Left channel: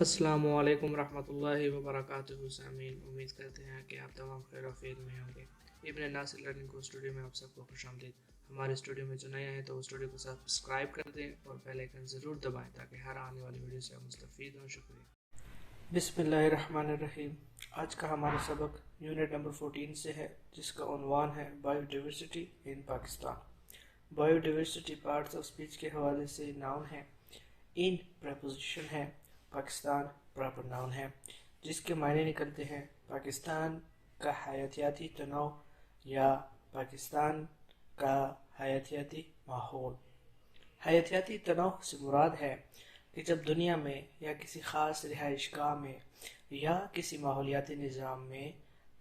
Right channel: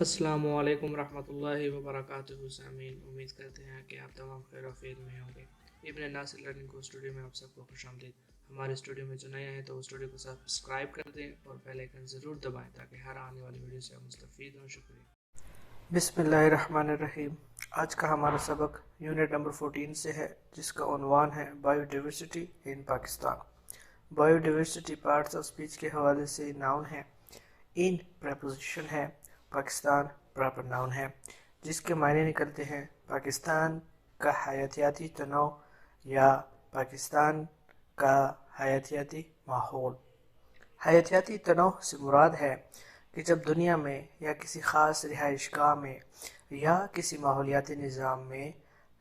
السلام علیکم ورحمۃ اللہ وبرکاتہ سامعین، امید کرتے ہیں کہ آپ تمام خیر و عافیت میں ہوں گے۔ ابن ناصر لرننگ کو اسٹوڈیو میں آپ سب کو خوش آمدید۔ ہمارے اسٹوڈیو میں جو نیا ہے تو اسٹوڈیو کو سبسکرائب کر دیں اور بیل آئکن ضرور دبائیں تاکہ ہر آنے والی ویڈیو سے آپ مستفید ہوں۔ شکریہ۔ بسم اللہ الرحمن الرحیم۔ آج کا ہمارا سبق یونٹ نمبر 14 سے ہے، جس کا عنوان ہے bio diversity in Pakistan. Bio diversity parts of speech کے حوالے سے ناؤن ہے، ان پریپوزیشن ہے، پاکستان پراپر ناؤن ہے، جس کے معنی نکلتے ہیں پاکستان کا حیاتیاتی تنوع یا پاکستان کا حیاتیاتی ماحول۔ حیاتیاتی تنوع سے مراد ہے کہ جب دنیا میں یا کسی خاص رہائش گاہ میں یا کسی ماحولیاتی نظام میں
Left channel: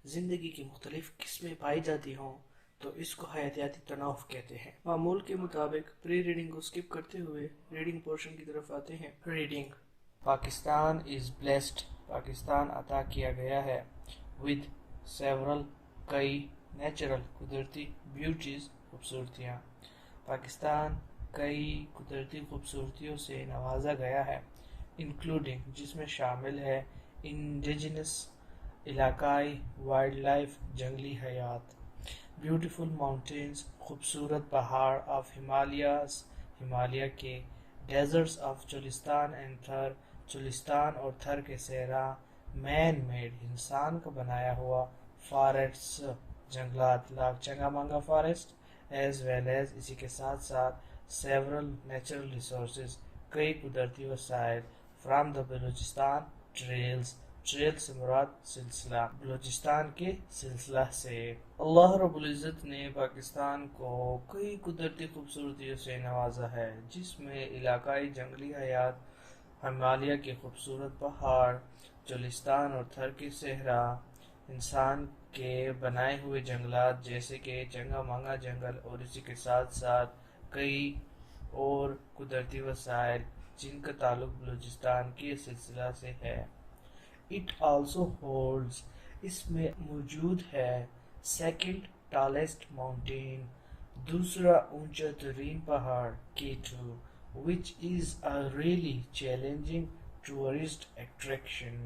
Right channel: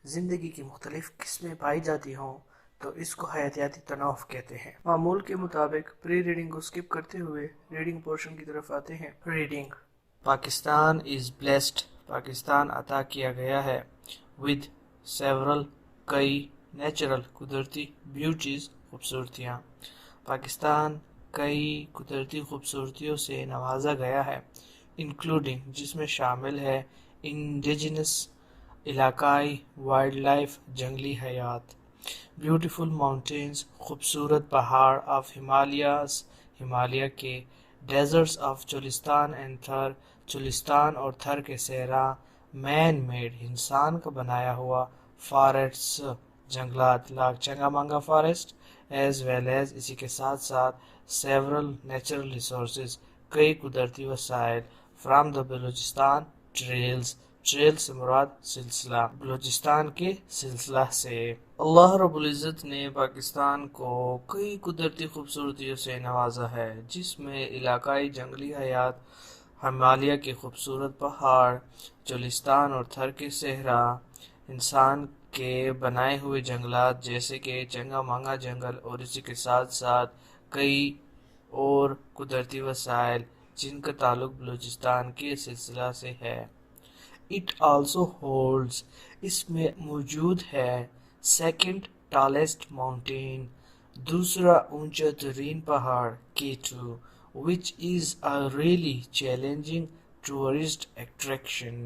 زندگی کی مختلف قسمیں پائی جاتی ہوں تو اس کو حیاتیاتی تنوع کہتے ہیں۔ معمول کے مطابق پری ریڈنگ کو سکپ کرتے ہوئے ریڈنگ پورشن کی طرف آتے ہیں۔ Reading: Pakistan is blessed, Pakistan عطا کیا گیا ہے، ود سیورل، کئی، نیچرل، قدرتی، بیوٹیز، خوبصورتیاں، پاکستان کئی قدرتی خوبصورتیوں سے نوازا گیا ہے، انکلوڈنگ، جس میں شامل ہے، انڈیجنس، علاقائی، وائلڈ لائف، جنگلی حیات، بیوٹیفل ماؤنٹینز، خوبصورت پہاڑ آف ہمالیاز، ہمالیہ کے، ڈیزرٹس آف چولستان اینڈ تھر، چولستان اور تھر کے صحرا، مین میڈ، انسان کا بنایا ہوا، فارسٹس، جنگلات، لاک چنگا منگا فارسٹ، ایز ویل ایز، اسی کے ساتھ ساتھ، سیورل نیچرل ریسورسز، کئی قدرتی وسائل، from the Balochistan trails, trail سے مراد سلسلہ، بلوچستان کے سلسلہ سے۔ اللہ رب العزت نے پاکستان کو کئی قدرتی خوبصورتیوں سے نوازا ہے، جس میں علاقائی جنگلی حیات، ہمالیہ کے خوبصورت پہاڑ، چولستان اور تھر کے صحرا، انسان کے بنائے ہوئے جنگلات جیسے کہ چنگا مانگا جنگل، اور اسی کے ساتھ ساتھ کئی اور قدرتی وسائل جن کا تعلق بلوچستان کے سلسلہ سے ہے۔ اٹ آلسو ہولڈز، اس میں موجود ہے، سیکنڈ ٹالسٹ ماؤنٹین، دوسرا اونچا ترین پہاڑ، K2، which is a really challenging tourist attraction،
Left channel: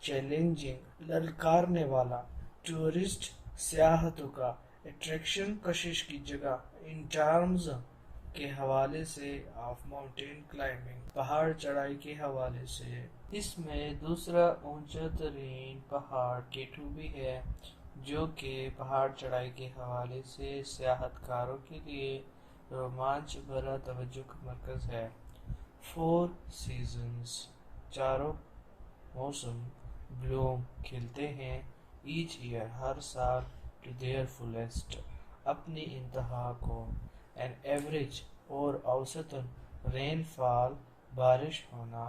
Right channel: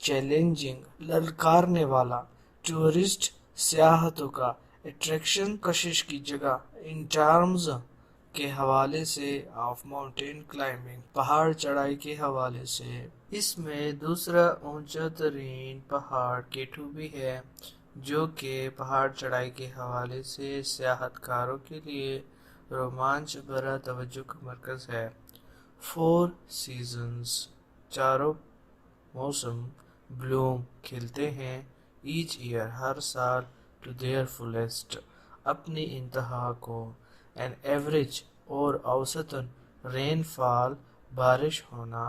challenging, للکارنے والا، ٹورسٹ، سیاحتوں کا، اٹریکشن، کشش کی جگہ، ان ٹرمز کے حوالے سے، آف ماؤنٹین کلائمبنگ، پہاڑ چڑھائی کے حوالے سے۔ اس میں دوسرا اونچا ترین پہاڑ K2 بھی ہے، جو کہ پہاڑ چڑھائی کے حوالے سے سیاحت کاروں کے لیے رومانچ بھرا توجہ کا مرکز ہے۔ 4 سیزنز، چاروں موسم، بلوم، کھلتے ہیں، ایچ ایئر، ہر سال، ٹو دیئر فلیسٹ، اپنی انتہا کو، این ایوریج، اور اوسطاً، رین فال، بارش ہونا،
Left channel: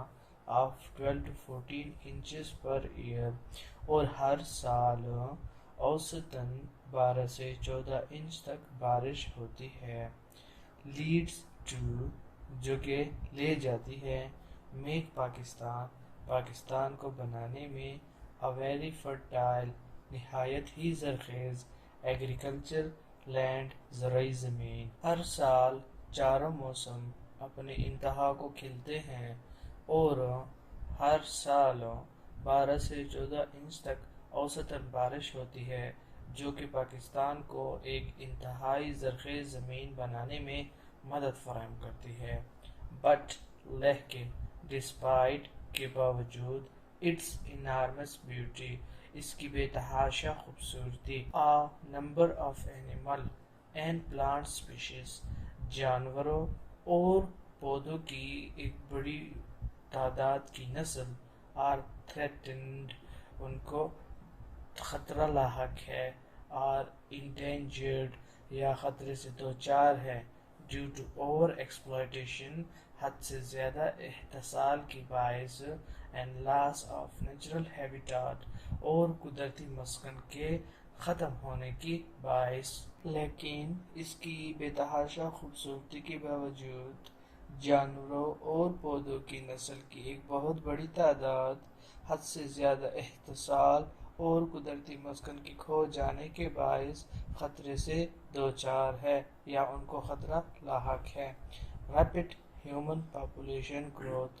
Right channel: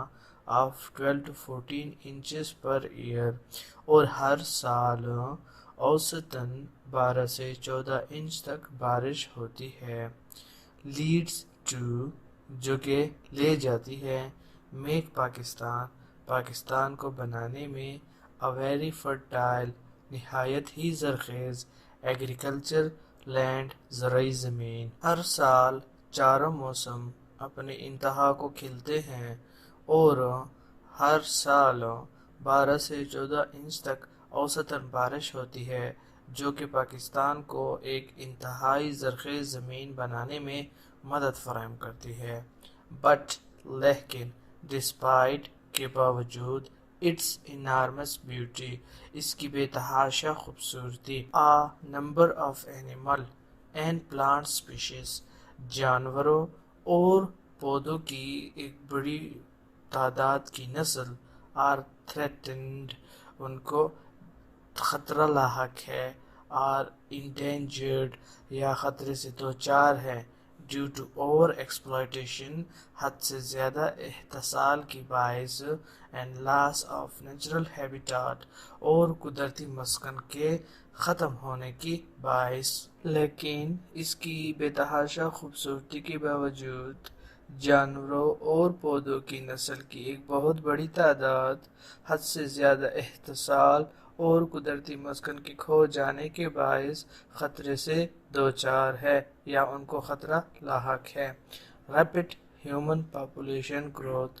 of 12 to 14 inches per year, اور ہر سال اوسطاً 12 سے 14 انچ تک بارش ہوتی ہے۔ لیڈز ٹو، جو کہ لے جاتی ہے، میک پاکستان، پاکستان کو بنانے میں، a very fertile، نہایت ہی زرخیز، ایگریکلچر لینڈ، زرعی زمین۔ ہر سال چاروں موسم اپنی انتہا کو کھلتے ہیں اور ہر سال 12 سے 14 انچ تک اوسطاً بارش ہوتی ہے، جو کہ پاکستان کو ایک انتہائی زرخیز زمین بنانے میں مدد فراہم کرتی ہے۔ بٹ، لیکن، ڈسپائٹ، کے باوجود، اٹس انارمس بیوٹی، اس کی بے تحاشا خوبصورتی، a number of animal and plant species, جانوروں اور پودوں کی ایک بڑی تعداد کی نسل، آر تھریٹنڈ، ان کو خطرہ لاحق ہے، آر انڈینجرڈ، یا خطرے سے دوچار ہے، ڈیو ٹو اوور ایکسپلائٹیشن، حد سے زیادہ استحصال کی باعث، and loss of natural habitat, اور قدرتی مسکن کے ختم ہونے کی باعث۔ لیکن اس کی بے تحاشا خوبصورتی کے باوجود، جانوروں اور پودوں کی نسل کی ایک بہت بڑی تعداد، حد سے زیادہ استحصال اور قدرتی مسکن کے کھو جانے کے باعث خطرے سے دوچار ہے یا ان کو خطرہ لاحق ہے۔ Rapid human population growth,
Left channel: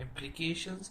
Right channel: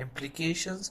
implications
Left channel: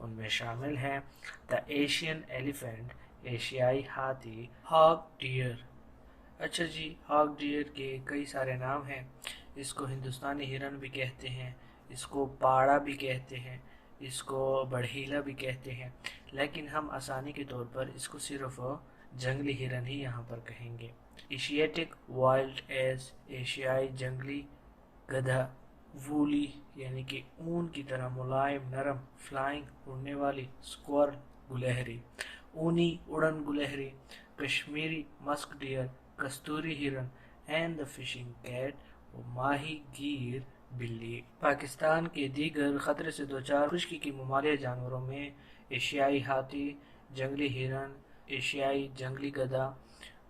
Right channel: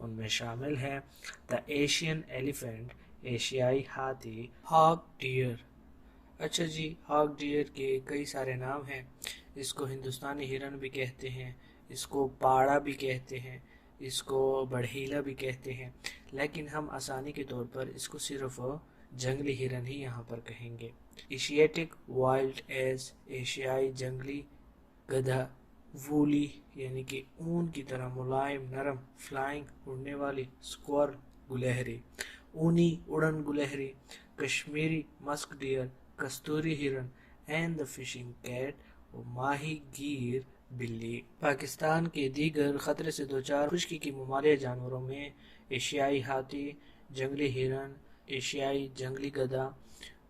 ان میں شامل ہیں دا ایشین ایلیفینٹ ایشیائی ہاتھی، ہاگ ڈیئر۔ اچھا جی، ہاگ ڈیئر کے کئی سارے نام ہیں۔ اس کو ہندوستانی ہرن بھی کہتے ہیں، اس کو پاڑا بھی کہتے ہیں، اس کو بڑھیلا بھی کہتے ہیں، لیکن ہم آسانی کے طور پر اس کو صرف جنگلی ہرن ہی یہاں پر کہیں گے۔ ایشیاٹک وائلڈ ایز ایشیائی جنگلی گدھا، وولی یعنی کہ اون کی طرح ملائم نرم، فلائنگ اڑنے والی، اسکور گلہری، اونی اڑن گلہری، کشمیری مسک ڈیئر، کستوری ہرن، اینڈ دا فشنگ کیٹ اور ماہی گیر بلی۔ پاکستان کے دیگر خطرے سے دوچار خشکی کے ممالیہ جانوروں میں ایشیائی ہاتھی، جنگلی ہرن، ایشیائی جنگلی گدھا،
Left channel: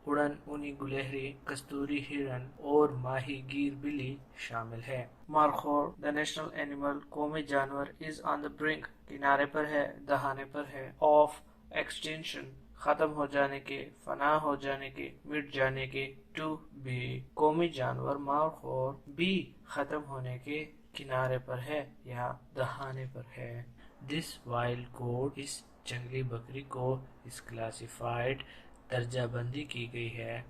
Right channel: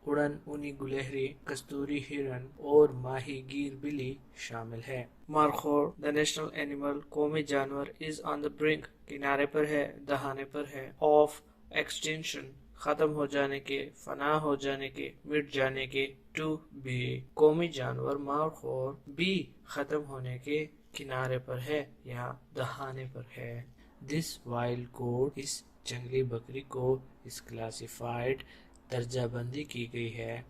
اڑن اونی گلہری، کستوری ہرن اور ماہی گیر بلی شامل ہے۔ مارخور دا نیشنل اینیمل، قومی جانور، از آن دا برنک، کنارے پر ہے، دہانے پر ہے، آف ایکسٹینشن، ختم ہو جانے کے، فنا ہو جانے کے، مٹ جانے کے، ٹو بی، قومی جانور مارخور بھی ختم ہونے کے کنارے پر ہے یا دہانے پر ہے۔ دس وائلڈ گوٹ، اس جنگلی بکری کو اس کلاسیفائڈ درجہ بندی کی گئی ہے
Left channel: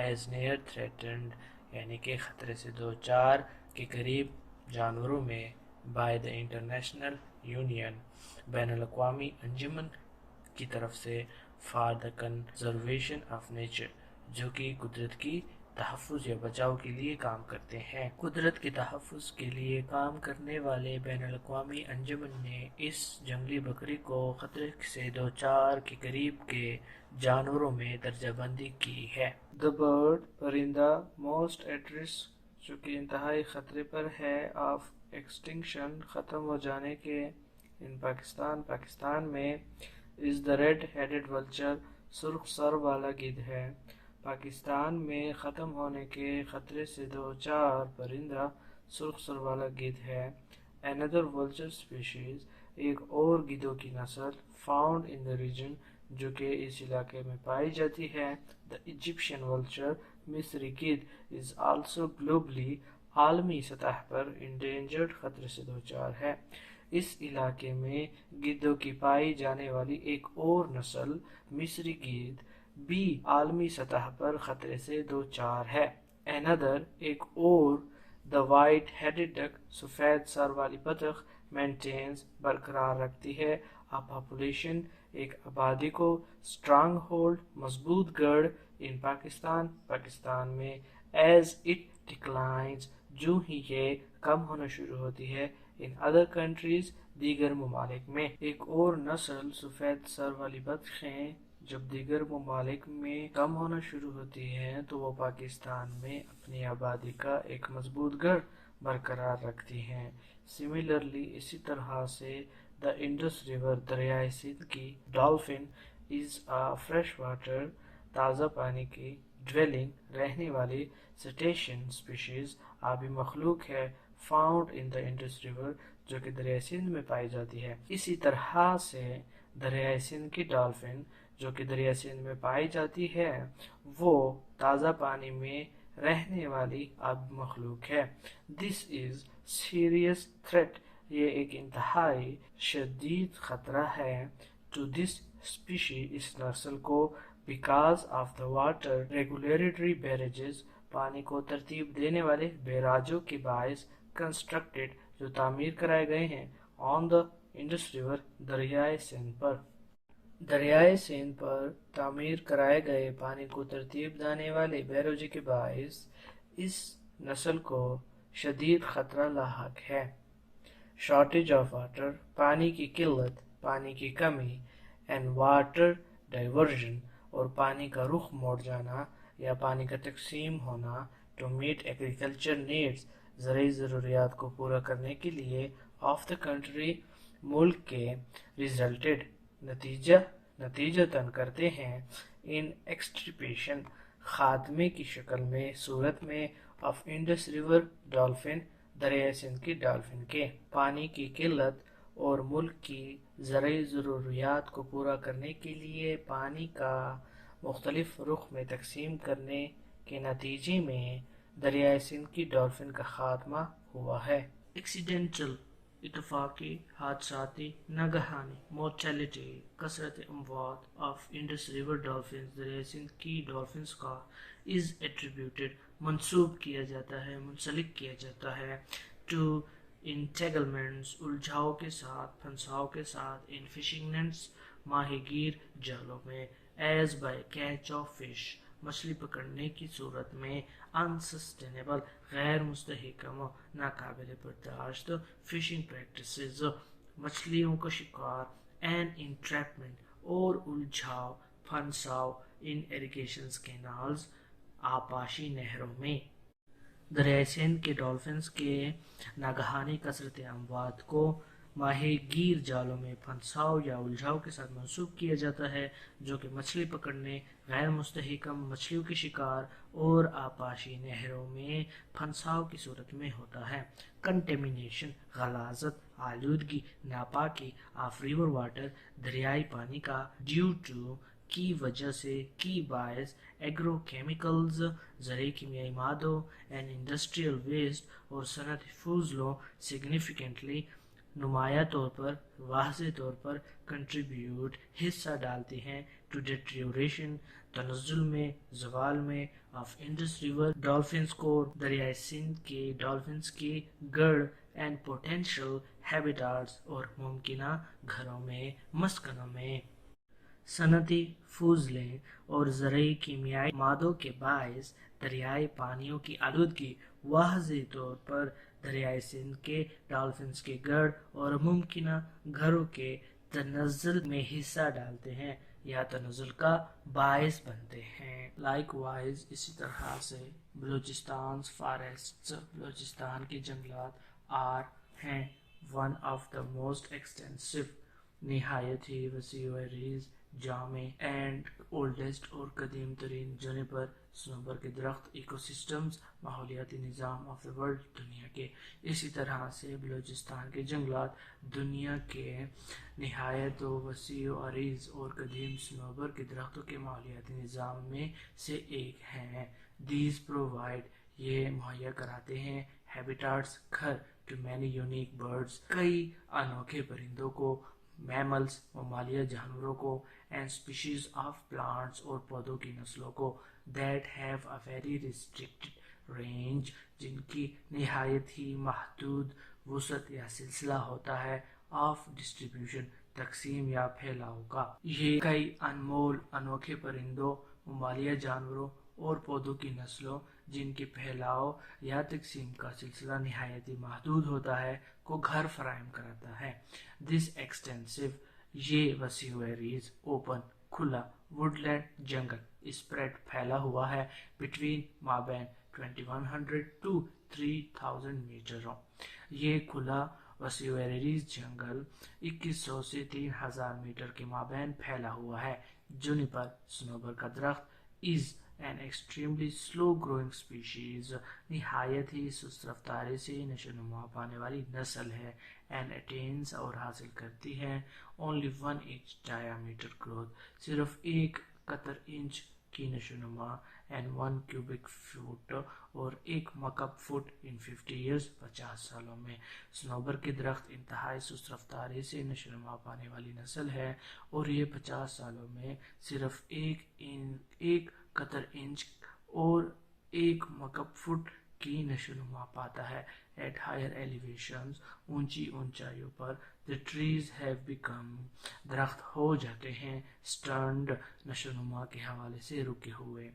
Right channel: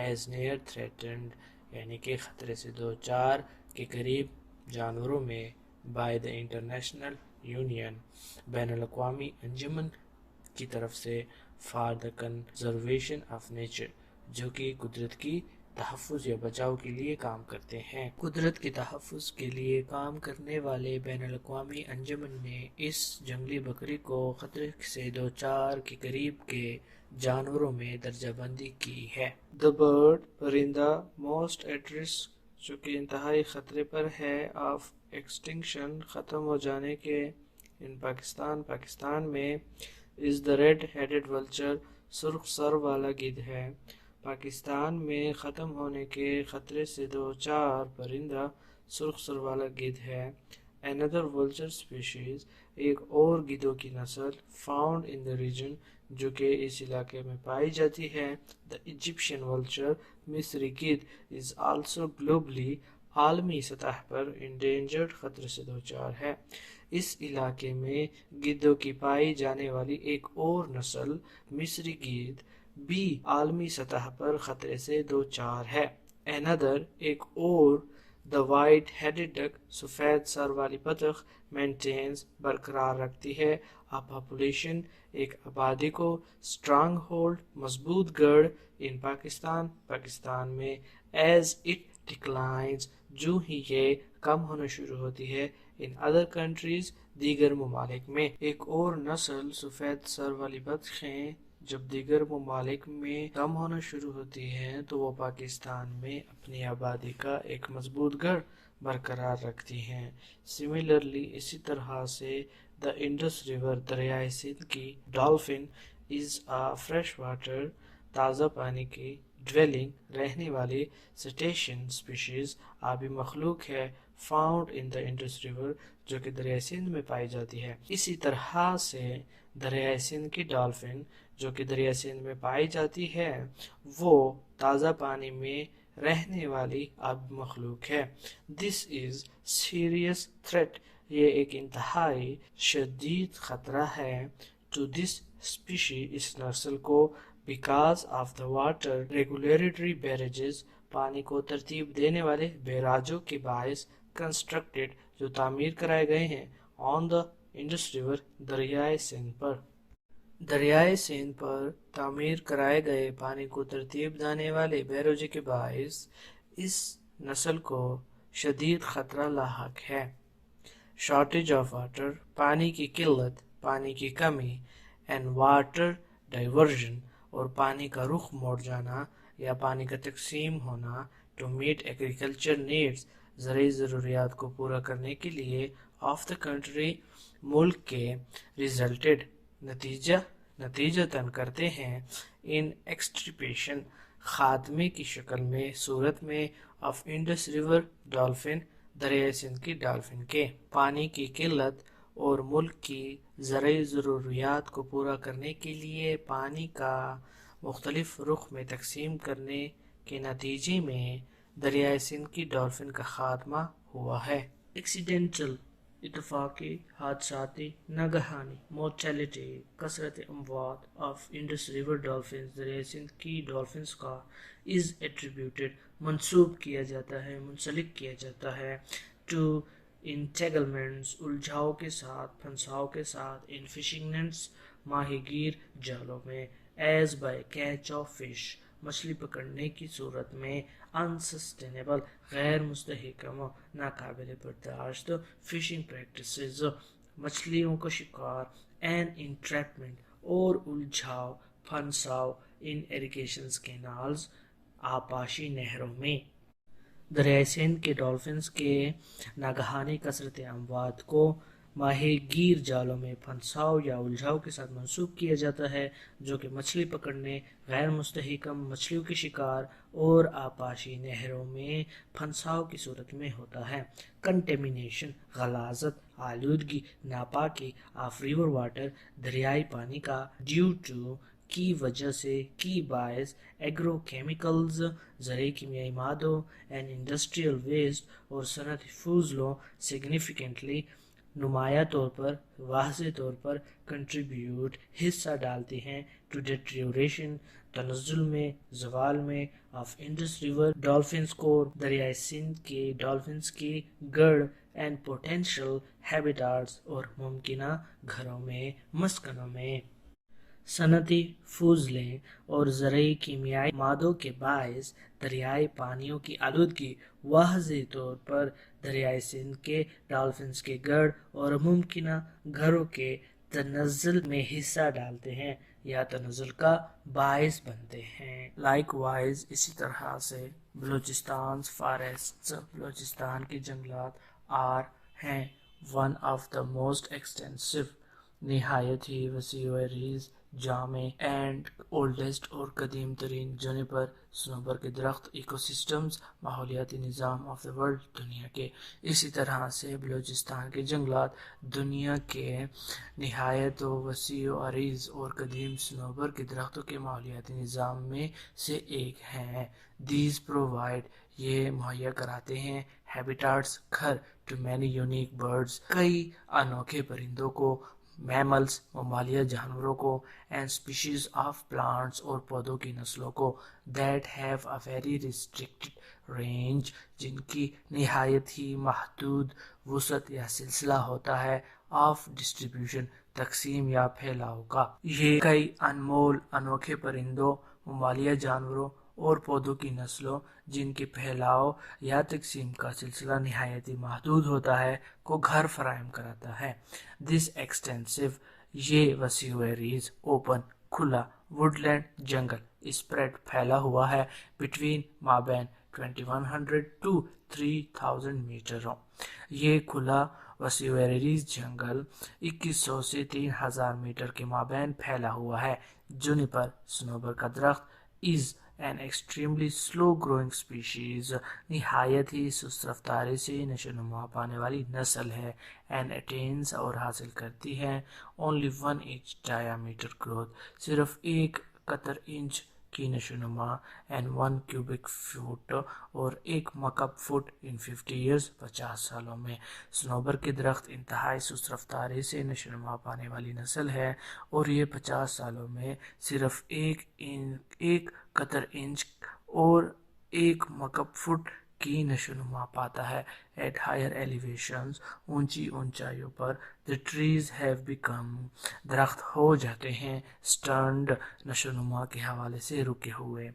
ایز نیئر تھریٹنڈ یعنی کہ خطرے سے دوچار کے قریب جانوروں میں بائی دا انٹرنیشنل یونین، بین الاقوامی انجمن کی طرف سے، for the conservation of nature, جو کہ قدرت کی تحفظ یا بچاؤ کے لیے کام کرتے ہیں۔ قدرت کے تحفظ کے لیے کام کرنے والے بین الاقوامی انجمن نے اس جنگلی بکری کو خطرے سے دوچار کے قریب کے جانوروں میں درجہ بندی کی ہے۔ دا برڈ، پرندہ، موسٹ ایٹ رسک، جو کہ انتہائی خطرے پر ہے، آف ایکسٹنکشن، ختم ہو جانے کے، ان پاکستان میں، از دا ریڈ ہیڈڈ ولچر، سرخ سر والا گدھ ہے۔ پاکستان میں ختم ہونے کے خطرے سے دوچار پرندہ سرخ سر والا گدھ ہے۔ another vulture species، ایک اور گدھوں کی نسل، found in the region، جو کہ اس علاقے میں پائی جاتی ہے۔ the Egyptian vulture، مصری گدھ، is also globally، عالمی سطح پر، endangered، خطرے سے دوچار ہے۔ اس علاقے میں گدھوں کی پائی جانے والی ایک اور نسل، مصری گدھ، بھی عالمی سطح پر خطرے سے دوچار ہے۔ another، ایک اور، the white headed duck، سفید سر والی بطخ، maintains، برقرار رکھتی ہے، a population، ایک آبادی کو، strong hold، مضبوط گڑھ، in پاکستان میں، as it declines، جو ہی یہ کم ہونا شروع ہوتی ہے، in other countries، دیگر ممالک میں۔ ایک اور نسل سفید سر والی بطخیں جب دیگر ممالک میں کم ہونا شروع ہوتی ہیں تو وہ پاکستان میں اپنی آبادی کا ایک مضبوط گڑھ برقرار رکھتی ہیں۔ سملرلی، اسی طرح سے، دا انڈس ریور، دریائے سندھ کی ڈالفن، از آ فریش واٹر، تازہ پانی کی، ڈویلنگ، رہنے والی، سٹیشین اسپیشیز، آبی مخلوق ہے، found in the Indus river, جو کہ دریائے سندھ میں پائی جاتی ہے۔ اسی طرح سے دریائے سندھ کی ڈالفن، جو کہ دریائے سندھ میں پائی جاتی ہے، وہ تازہ پانی میں رہنے والی آبی مخلوق ہے۔ دس از سیریس تھریٹ، یہ ایک انتہائی شدید خطرہ ہے، ٹو دس اسپیشی، اس نسل کو، because of the water regulatory barrages, پانی کو ترتیب دینے والے بیراجوں کے باعث، کنسٹرکٹڈ، جو تعمیر کرائے گئے ہیں، آن دا انڈس ریور، دریائے سندھ پر۔ دریائے سندھ پر تعمیر کرائے گئے پانی کو ترتیب دینے والے بیراجوں کے باعث اس نسل کو شدید خطرہ لاحق ہے۔ شارٹیج آف واٹر، پانی کی قلت، پانی کی کمی، اینڈ واٹر ڈائیورژن، اور پانی کا رخ موڑ جانا یا پانی کا تقسیم ہونا، ٹو میٹ ایگریکلچر نیڈز، زرعی ضروریات کو پورا کرنے کے لیے، آف دا کنٹری، ملک کے، ریزلٹڈ، نتیجتاً کرتے ہیں، ان ایکسٹرپیشن، خاتمے کی شکل میں، صورت میں، آف انڈس ریور ڈالفن، دریائے سندھ کی ڈالفن کے۔ پانی کی قلت اور ملک کی زرعی ضروریات کو پورا کرنے کے لیے پانی کا مختلف رخ میں تقسیم کرنے کے نتیجے میں دریائے سندھ کی ڈالفن کا خاتمہ ہوا ہے۔ ایکسیڈنٹل اتفاقی حادثاتی ناگہانی mortality کثرت اموات of Indus River dolphins دریائے سندھ کی ڈالفنس کا is attributed منسوب کیا جاتا ہے منسلک کیا جاتا ہے to entanglements الجھاؤ کے ساتھ پھنساؤ کے ساتھ in fishing nets ماہی گیر جالوں میں as by catch of fish مچھلی پکڑنے کی صورت میں unsustainable غیر مستحکم ناقابل برداشت فشنگ پریکٹسز مچھلیوں کا شکار and entrapment اور الجھاؤ پھنساؤ in irrigation canals آبپاشی نہروں میں دریائے سندھ کے ڈالفنس کے ناگہانی کثرت اموات کو ماہی گیر جالوں میں پھنساؤ یا الجھاؤ کے ساتھ منسوب کیا جاتا ہے جو کہ مچھلی پکڑنے غیر مستحکم مچھلیوں کے شکار اور آبپاشی نہروں میں پھنساؤ کی صورت میں ہوتا ہے کنٹیمینیشن غلاظت آلودگی ناپاکی آف ریور واٹر دریائی پانی کا ڈیو ٹو کی وجہ سے کی باعث ایگرو کیمیکلز زرعی کیمیائی مادوں اینڈ انڈسٹریل ویسٹ اور صنعتی فضلوں سگنیفیکنٹلی نمایاں طور پر واضح طور پر کنٹریبیوٹ حصہ ڈالتی ہیں ٹو ڈیٹریوریشن تنزل میں زوال میں آف انڈس ریور ڈالفنس کو دریائے سندھ کے ڈالفنس کی گڑھ اینڈ پوٹینشیل ہیبیٹاٹس اور ممکنہ گھروں میں مسکنوں میں صنعتی فضلیں اور زرعی کیمیائی مادوں کے باعث دریائی پانیوں کی آلودگی واضح طور پر دریائے سندھ کے ڈالفنس کے گڑھ اور ممکنہ گھروں کے تنزل میں حصہ ڈالتے ہیں یا تنزل کا باعث بنتے ہیں لائک وائز اسی طرح سے بلوچستان فارسٹس بلوچستان کے جنگلات ہیں one of the most extensive نہایت ہی وسیع و عریض جامع اینڈ اولڈسٹ اور قدیم ترین جونیپر سنوبر کے درخت ایکو سسٹمز ماحولیاتی نظام آف دا ورلڈ دنیا کے اسی طرح سے بلوچستان کے جنگلات دنیا کے نہایت و وسیع و عریض اور قدیم سنوبر کے درختوں کے ماحولیاتی نظام میں سے ایک ہیں دیز پرووائڈ یہ مہیا کراتے ہیں ہیبیٹاٹس گھر ٹو مینی یونیک برڈز کئی انوکھے پرندوں کو میملز ممالیہ جانوروں کو اینڈ اسپیشیز آف پلانٹس اور پودوں کی نسلوں کو that have a very restricted range جن کی نہایت ہی محدود وسعت یا سلسلہ ہوتا ہے آف ڈسٹریبیوشن تقسیم یا پھیلاؤ کا یہ کئی انمول انوکھے پرندوں ممالیہ جانوروں اور پودوں کی نسلوں جن کے پھیلاؤ یا تقسیم کا سلسلہ نہایت ہی محدود ہوتا ہے کو گھر فراہم کراتا ہے دس ایکسٹینسو یہ وسیع و عریض اوپن کھلا ووڈ لینڈ جنگل اسپریڈ پھیلا ہوا ہے بٹوین مابین 2100 to 3000 میٹروں یہ کھلا وسیع و عریض جنگل 2100 سے 3000 میٹر کے مابین پھیلا ہوا ہے جونیپر سنوبر کا درخت از an extremely slow growing species نہایت ہی سست رفتاری سے نشو نما پانے والی نسل ہے and attains اور حاصل کرتی ہے only 1 inch diameter growth صرف 1 قطر انچ کی نشو نما and 1 cubic foot اور 1 مکعب فٹ in 50 years 50 سالوں میں سنوبر کے درخت انتہائی سست رفتاری سے نشو نما پانے والی نسل ہے اور یہ 50 سالوں میں صرف 1 قطر انچ اور 1 مکعب فٹ کی نشو نما پاتا ہے ایٹ ہائر ایلیویشنز اونچی اونچائیوں پر the trees have become درخت ہو جاتے ہیں stunted نشو نما کے حوالے سے رکے ہوئے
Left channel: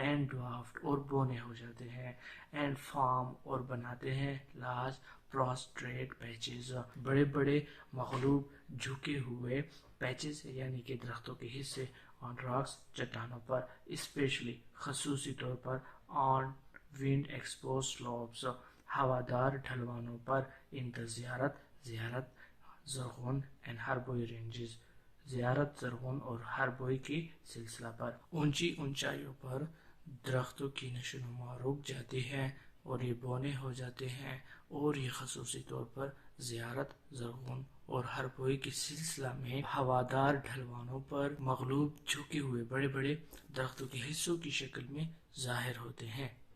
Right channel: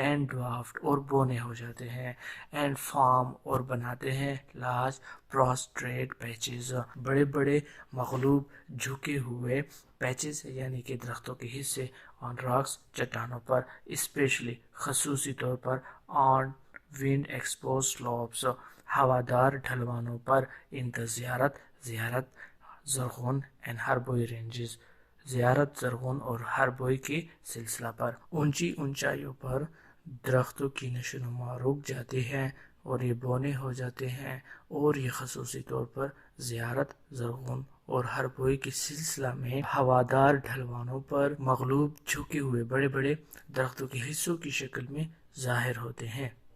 and dwarfed اور بونے ہو جاتے ہیں and form اور بناتے ہیں large prostrate patches بڑے بڑے مغلوب جھکے ہوئے پیچز یعنی کہ درختوں کے حصے on rocks چٹانوں پر اسپیشلی خصوصی طور پر on wind exposed slopes ہوادار ڈھلوانوں per in the زیارت زرغون and ہربوئی رینجز زیارت زرغون اور ہربوئی کے سلسلہ پر اونچی اونچائیوں پر درختوں کی نشو نما رک جاتی ہے اور یہ بونے ہو جاتے ہیں اور یہ خصوصی طور پر زیارت زرغون اور ہربوئی کے سلسلہ میں ہوادار ڈھلوانوں پر مغلوب جھکے ہوئے بڑے بڑے درختوں کے حصوں کی شکل میں ظاہر ہوتے ہیں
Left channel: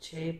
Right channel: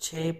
6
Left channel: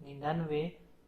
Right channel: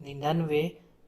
99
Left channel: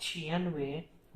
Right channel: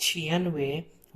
96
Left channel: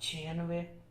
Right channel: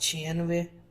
96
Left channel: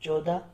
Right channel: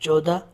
14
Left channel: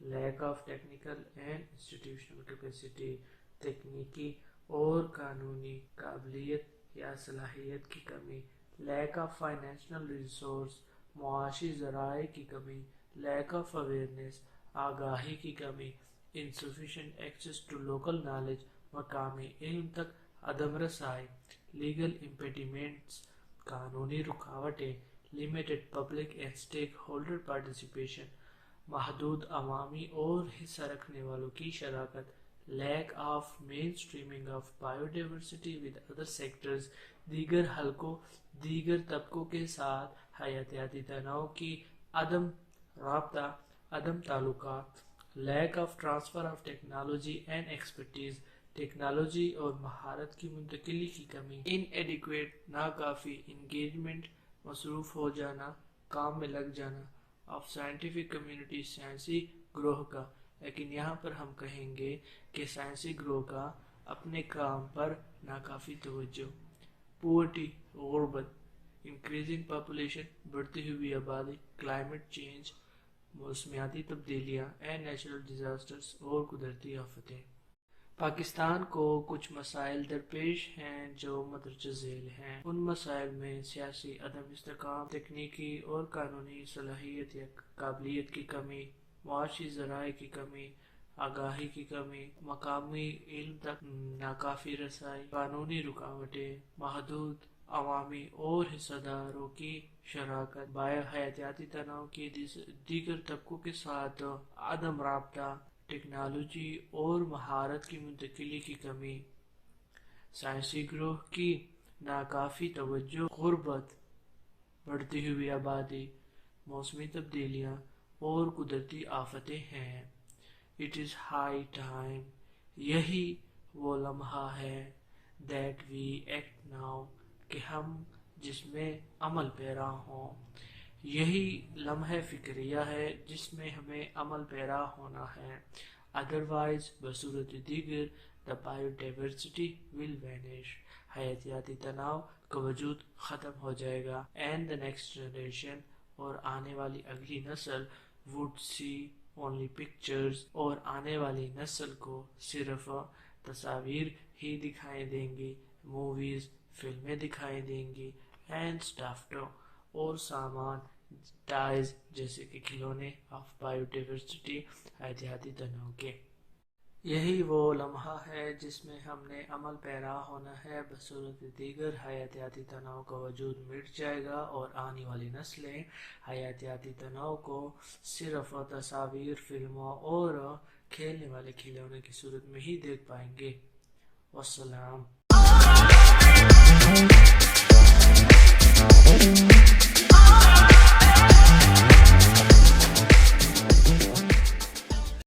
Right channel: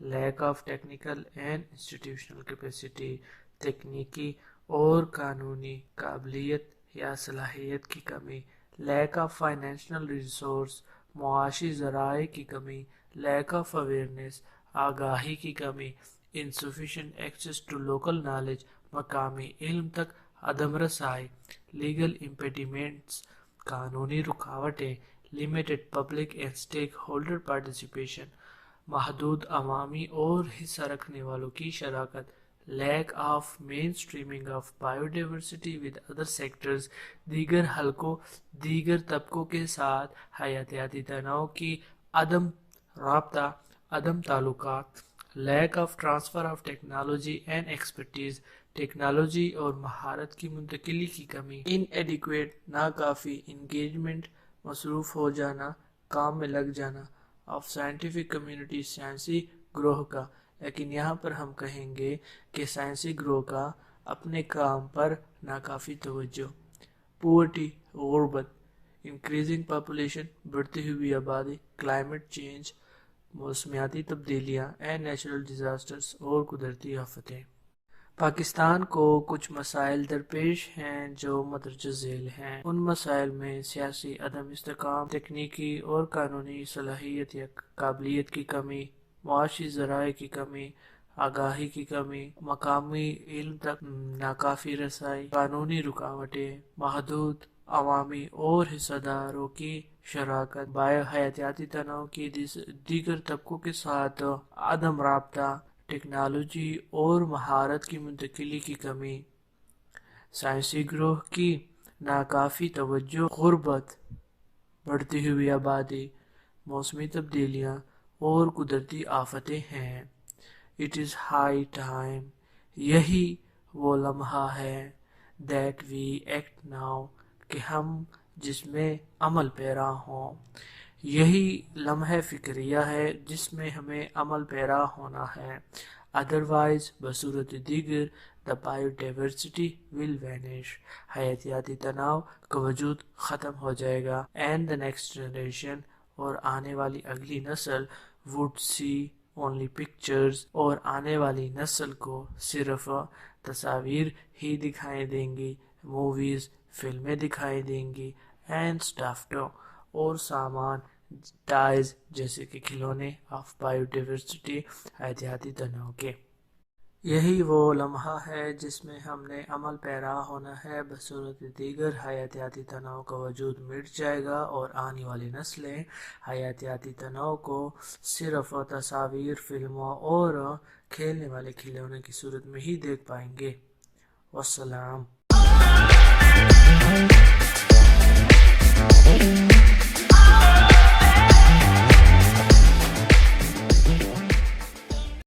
lack of technical and institutional capacity, تکنیکی اور قانونی قابلیت یا صلاحیت کی کمی، لیک آف فائنینشیل ریسورس، معاشی ذرائع کی کمی، لیک آف اویئرنیس، آگاہی کی کمی، insufficient access to local knowledge، مقامی علم تک عدم رسائی، لیگل impediments، قانونی رکاوٹیں، limited public and stakeholder participation، محدود عوامی اور حصہ رکھنے والوں کی شراکت، lack of mainstreaming of biodiversity with other sectors, دیگر حلقوں دیگر طبقوں کے ساتھ حیاتیاتی تنوع کی عدم رابطہ، عدم تعلقات، lack of transfer of technology and expertise, technology اور مہارت کی منتقلی کی کمی، ان ایڈیکویٹ ناکافی انگیجمنٹ، مصروف ہو جانا، کام میں لگ جانا آف سائنٹیفک کمیونٹی، سائنسی گروہ کا، لیکن یہاں پر ہم کہیں گے کہ سائنسی گروہ کا اپنے کام پر ناکافی توجہ، پورٹی غربت، انکریزنگ پاپولیشن بڑھتی ہوئی آبادی، کلائمیٹ چینج موسمیاتی تبدیلیاں اینڈ نیچرل ڈیزاسٹرز اور قدرتی آفتیں۔ پاکستان کو کچھ مسائل درپیش ہیں جو مندرجہ ذیل ہیں۔ ان مسائل میں سیاسی عدم استحکام، تکنیکی اور قانونی صلاحیت یا قابلیت کی کمی، معاشی ذرائع کی کمی، آگاہی کی کمی، مقامی علم تک ناکافی رسائی، قانونی رکاوٹیں، محدود عوامی اور حصہ داروں کی شراکت، بایو حیاتیاتی تنوع کی دیگر طبقوں کے ساتھ عدم رابطہ، ٹیکنالوجی اور مہارت کی منتقلی کی کمی، سائنسی گروہ کی ناکافی توجہ، غربت، بڑھتی ہوئی آبادی، موسمی تبدیلیاں اور قدرتی آفتیں ہیں۔ It is high time، یہی وہ لمحہ ہے that we act now، کہ ہم جس میں عمل پیرا ہوں، یہی لمحہ فکریہ ہے جس میں ہمیں عمل پیرا ہونا ہے، ادروائز بصورت دیگر the biodiversity will vanish، حیاتیاتی تنوع کا وجود ختم ہو جائے گا، and the next generation، اور آنے والی اگلی نسل would see only pictures، اور آنے والی نسل کو صرف تصاویر ہی دکھائی دیں گی، موویز فلمیں دکھائی دیں گی، اینڈ اسٹافڈ اور سامان، ٹائز جیسے کہ کھلونے، آف بایو ڈائیورسٹی حیاتیاتی تنوع کے۔ یہی وہ لمحہ ہے جس میں ہم نے عمل پیرا ہونا ہے، بصورت دیگر حیاتیاتی تنوع کا وجود مٹ جائے گا اور آنے والی نسلیں حیاتیاتی تنوع کو صرف تصاویر، فلموں اور کھیلنے والے کھلونے کی صورت میں ہی دیکھ پائیں گے۔ والسلام۔